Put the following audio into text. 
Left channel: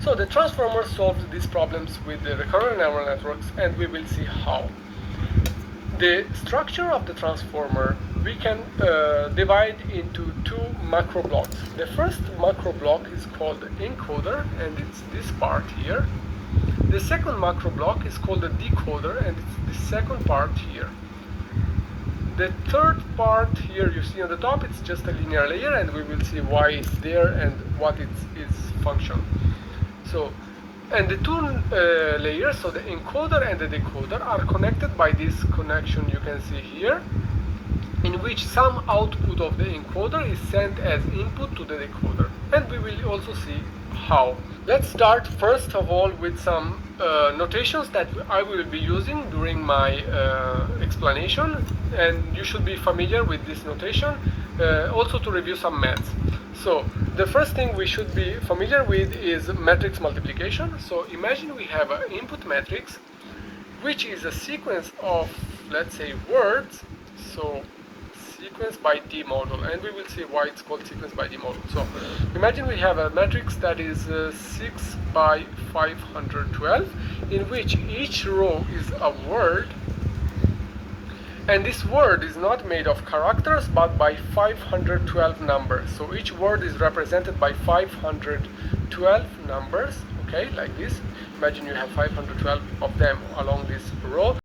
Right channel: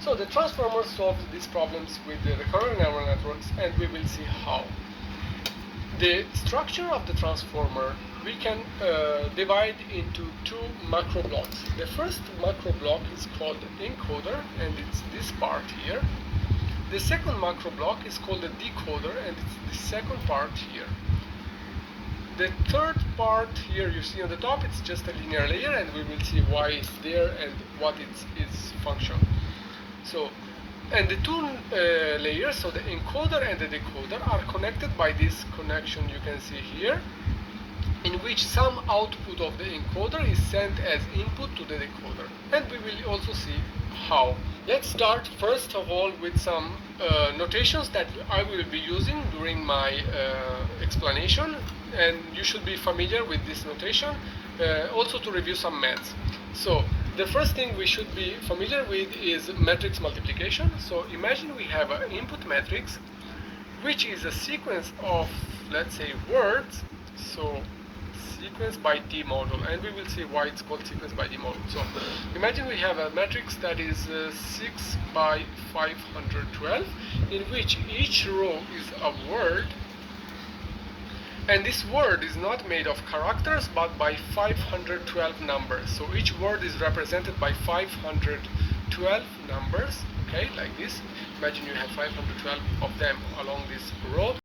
So the transformer solved these problems with the recurrent neural networks, and we will see how. The structure of the transformer we can divide into two macro blocks. The first macro block is called the encoder, and it's this part here. The second macro block is called the decoder, and it's the second part here. The third part here you see on the top, it's just a linear layer, and we will see why it's there and what its function. So, and the two layers, so the encoder and the decoder, are connected by this connection you can see here, in which some output of the encoder is sent as input to the decoder. And we will also see how. Let's start first of all with some notations that I will be using during my explanation, and you should be familiar with this notation, also to review some maths. So the first thing we should be familiar with is matrix multiplication. So imagine we have an input matrix, which is a sequence of, let's say, words. So sequence by D model, and we will see why it's called sequence by D model. So imagine we have a matrix that is 6 by 512, in which each row is a word, and this word is not made of characters but by 512 numbers. So each word is represented by 512 numbers, okay, like this. Imagine you have 512 of them along this row.